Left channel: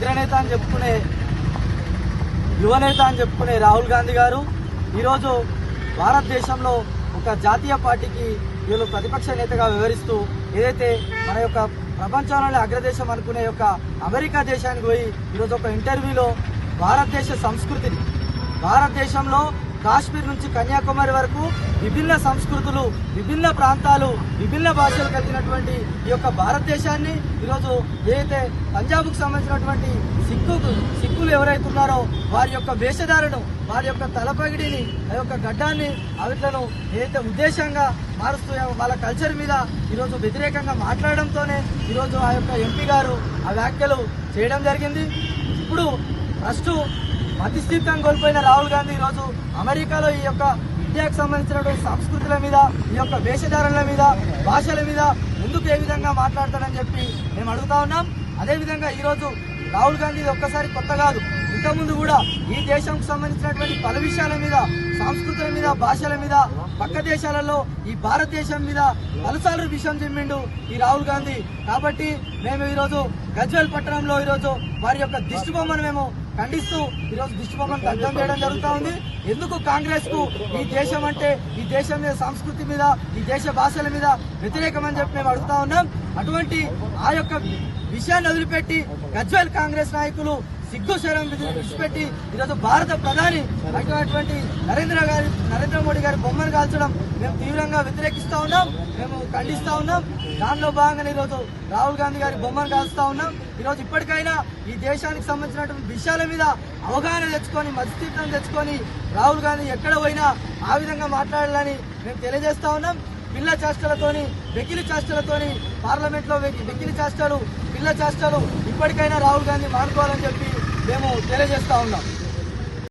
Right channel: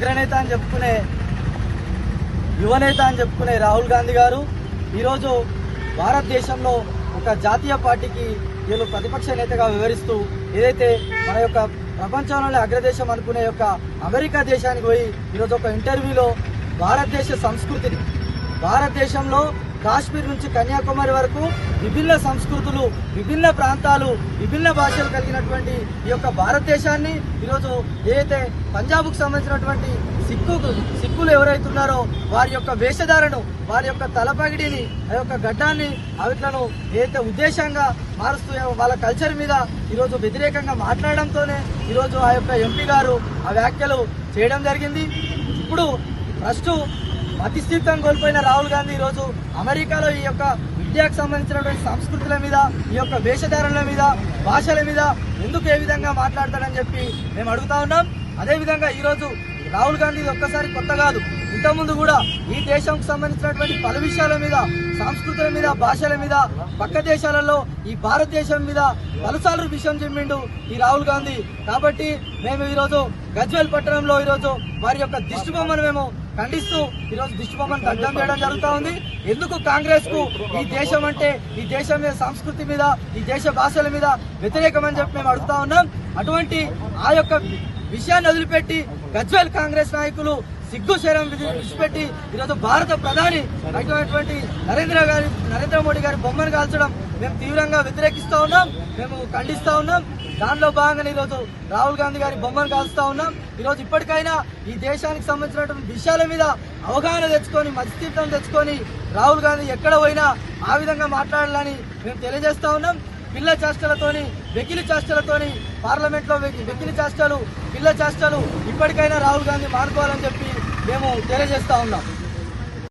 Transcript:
అగ్రనేత అని చెప్పుకునే యువనేత అని చెప్పుకునే రాహుల్ గాంధీ గారు ఈరోజు భారతదేశంలో ఒక జాతీయ పార్టీకి వీళ్ళు ప్రతిపక్ష నేతగా వివరిస్తూ ఏదైతే మన యొక్క ప్రపంచంలోనే అగ్రదేశం అనుకునే యొక్క అమెరికా దేశానికి పోయి ఈరోజు ఒక ఇంటర్వ్యూలో భారతదేశ సంస్కృతిని భారతదేశంలో కాశ్మీర్ నుంచి కన్యాకుమారి వరకు విభిన్న సంస్కృతులు విభిన్న ప్రాంతాలు విభిన్న భాషలు కలిగినటువంటి ఈ యొక్క భారతదేశాన్ని ఈరోజు ఏదైతే పంజాబ్కు సంబంధించినటువంటి సిక్కు సిక్కులు ఎవరైతే ఉన్నారో వారి యొక్క వేషధారను వారి యొక్క తలపగిడిని ఆ యొక్క గడ్డాన్ని అవిట్లను ఏదైతే ఉద్దేశంగా మారుస్తూ వాళ్ళ కల్చర్ మీద ఈరోజు వ్యతిరేకంగా మాట్లాడడంతోనే ఈరోజు ఆ యొక్క ఎంపీ గారు ఆ వ్యాఖ్యలు చేయడం జరిగింది. ఇప్పుడు ఫస్ట్ మతిస్థితం కోల్పోయిన రాహుల్ గాంధీ ఈరోజు అమెరికాలో ఈ యొక్క విద్యకు సంబంధించినటువంటి సంస్కృతుల మీద ఈ యొక్క వేషధారణల మీద భాషల మీద ముందుకు ఏ విధంగా మాట్లాడతాడని చెప్పి మేము అడుగుతా ఉన్నాం. అదేవిధంగా ఈరోజు రాహుల్ గాంధీ ఒక్కసారి కొత్త కాదు. ఇంతకుముందు కూడా ఈ దేశంకు సంబంధించినటువంటి పలు విషయాల మీద సంస్కృతుల మీద భాషల మీద పక్క దేశాలలో ఈ భారతదేశం మీద పలుసార్లు విషయం చెప్పిండు ఈ రాహుల్ గాంధీ. కాబట్టి మేము ఈరోజు గజ్వేల్ పట్టణంలో ఈరోజు వారి యొక్క దిష్టిబొమ్మను మేము ఖండిస్తూ ఈరోజు దిష్టి బొమ్మను దగ్ధం చేయడం జరుగుతూ ఉంది. ఎందుకు కాంగ్రెస్కు ఈ దేశం అంటే ఈ దేశం మీద సంస్కృతి మీద ఈ దేశ భాషల మీద వ్యతిరేకమని చెప్పి మేము అడుగుతా ఉన్నాం. అటువంటి ఆ యొక్క విషయాన్ని వదిలిపెట్టి గజ్వెల్ కాంగ్రెస్ నాయకులు సిగ్గు శరం విడిచిపెట్టి ఈరోజు భారత ప్రధాని అయినటువంటి నరేంద్ర గారి నరేంద్ర మోడీ గారి బొమ్మను కాల్చడం మేము తీవ్రంగా వ్యతిరేకిస్తా ఉన్నాం మేము ఖండిస్తా ఉన్నాం. దానిలో భాగంగా ఈరోజు రాహుల్ గాంధీ గారి బొమ్మను కాల్స్తా ఉన్నాం. ఈరోజు ఇప్పటికైనా ఈ దేశానికి సంబంధించినటువంటి విషయాల మీద అవగాహన తెచ్చుకొని మధ్యతీర్థం తెచ్చుకొని రాహుల్ గాంధీ ఎక్కడ పోయినా ఆ విధంగా మాట్లాడాలని మేము తెలియజేస్తా ఉన్నాం. పిల్ల చేష్టలతోని వెకిలి చేష్టలతోని పార్లమెంట్లో వెకిలి చేష్టలు పిల్ల చేష్టలు ఇప్పటికైనా రాహుల్ గాంధీ మానుకోవాలని చెప్పి మేము తెలియజేస్తా ఉన్నాం.